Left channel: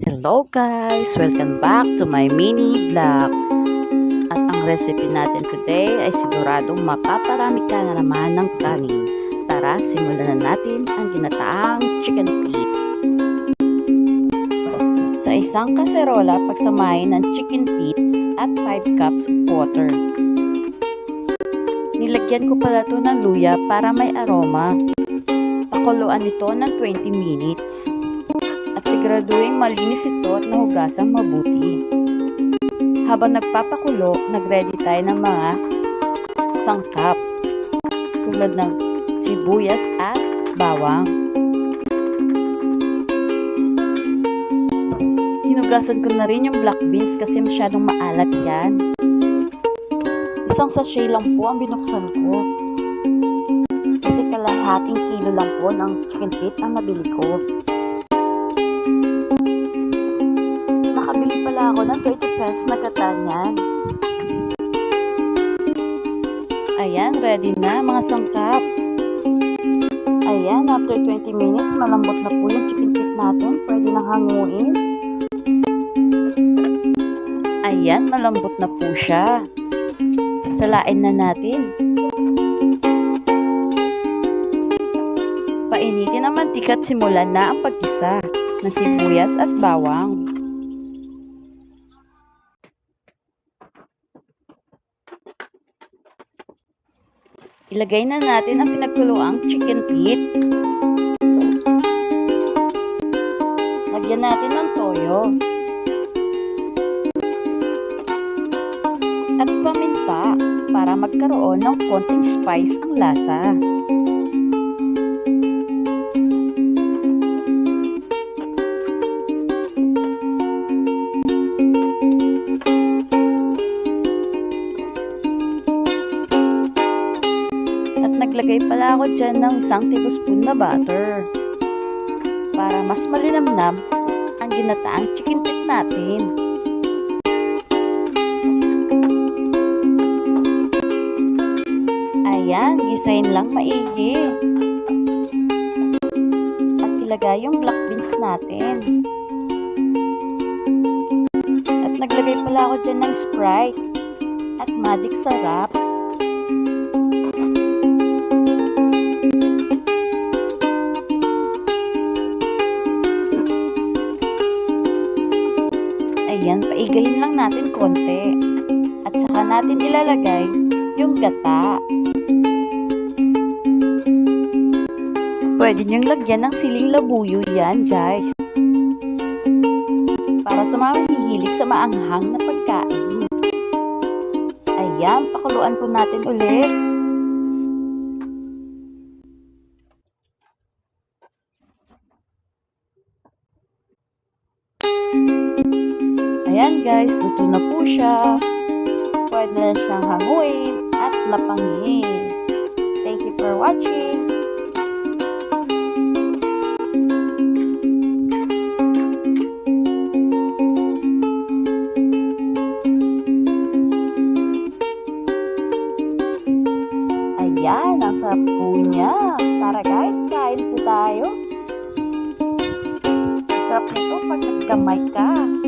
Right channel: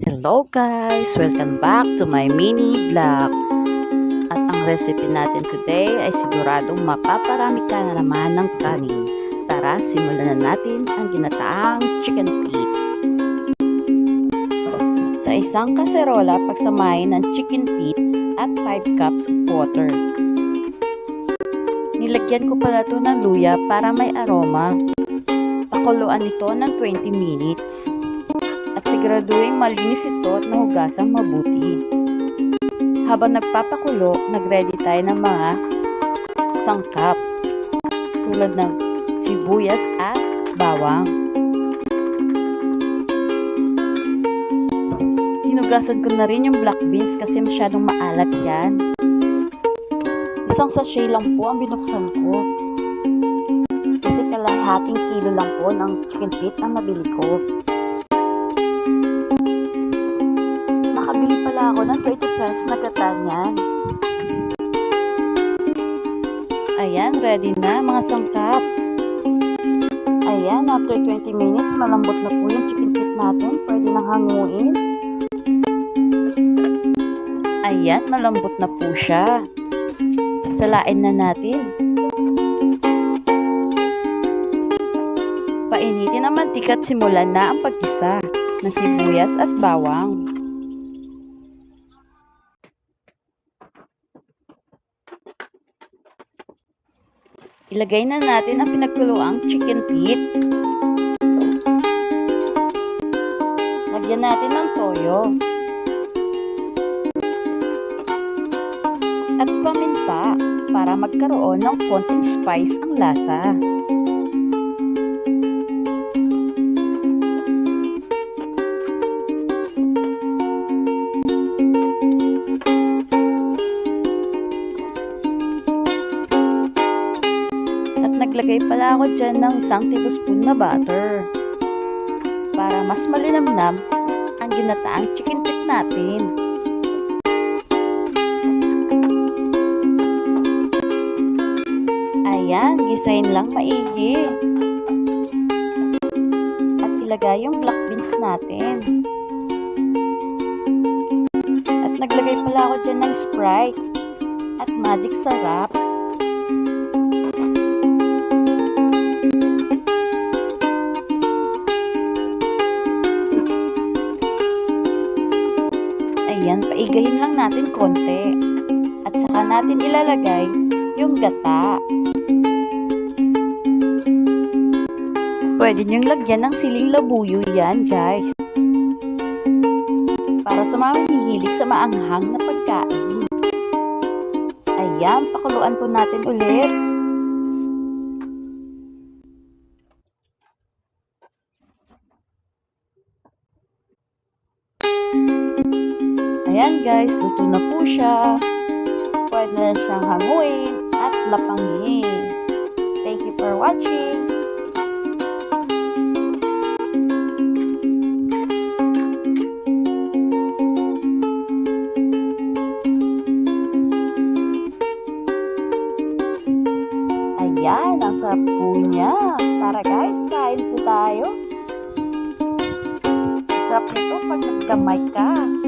Hello guys! Welcome back to my mini vlog. At ang recipe natin today ay siguradong mapaparami ka na naman ng kanin. Tara, simulan na natin ang ginataang chicken feet. Sa isang kaserola, pagsamahin ang chicken feet at 5 cups of water. Nilagyan ko pala ito ng luya para may aroma. Pakuluan ito ng 20 minutes. At siguraduhin malinis ito at nahugasang mabuti. Habang nagpapakulo, nagready tayo ng mga sangkap tulad ng sibuyas at bawang. Hinugasan ko na rin yung black beans kasi masyadong maalat yan. Isang sachet lang po ang binuksan ko. Kasi kalahating kilo lang po ng chicken feet ang nabili ko. Makabili pala ako ng 20 pesos na gata niyan. Ayan, ready na mga sangkap. Ayan, after 20 minutes, malambot na po yung chicken feet natin. Pwede nang hanguin. Ayan, malambot na po siya. Salain na natin. Painitin ang mantika at simulan na ang paggisa ng sibuyas at bawang. Ilagay na natin ang pinagkuluang chicken feet. Lagyan natin ng toyo. At paminta para magkaroon ng konting spice ang lasa. At naglagay pala ako dyan ng 1 tablespoon na butter para mas malinamnam ang ginataang chicken feet natin. Ayan, gisahin lang maigi. At ilagay yung black beans natin. At naglagay pala ako dyan ng Sprite at magic sarap. Ayan, paigahin lang natin konti. At saka natin ilalagay yung gata. Pwede nyong lagyan ng siling labuyo yan, guys. Para sa mga mahihilig sa maanghang na pagkain. Ayan, pakuluan po natin ulit. Ayan guys, luto na po siya. Pwede na siyang hanguin at lapangin. Thank you for watching. Ayan, ang sarap po niya. Tara guys, kain po tayo. Ang sarap nito pag naggamay ka.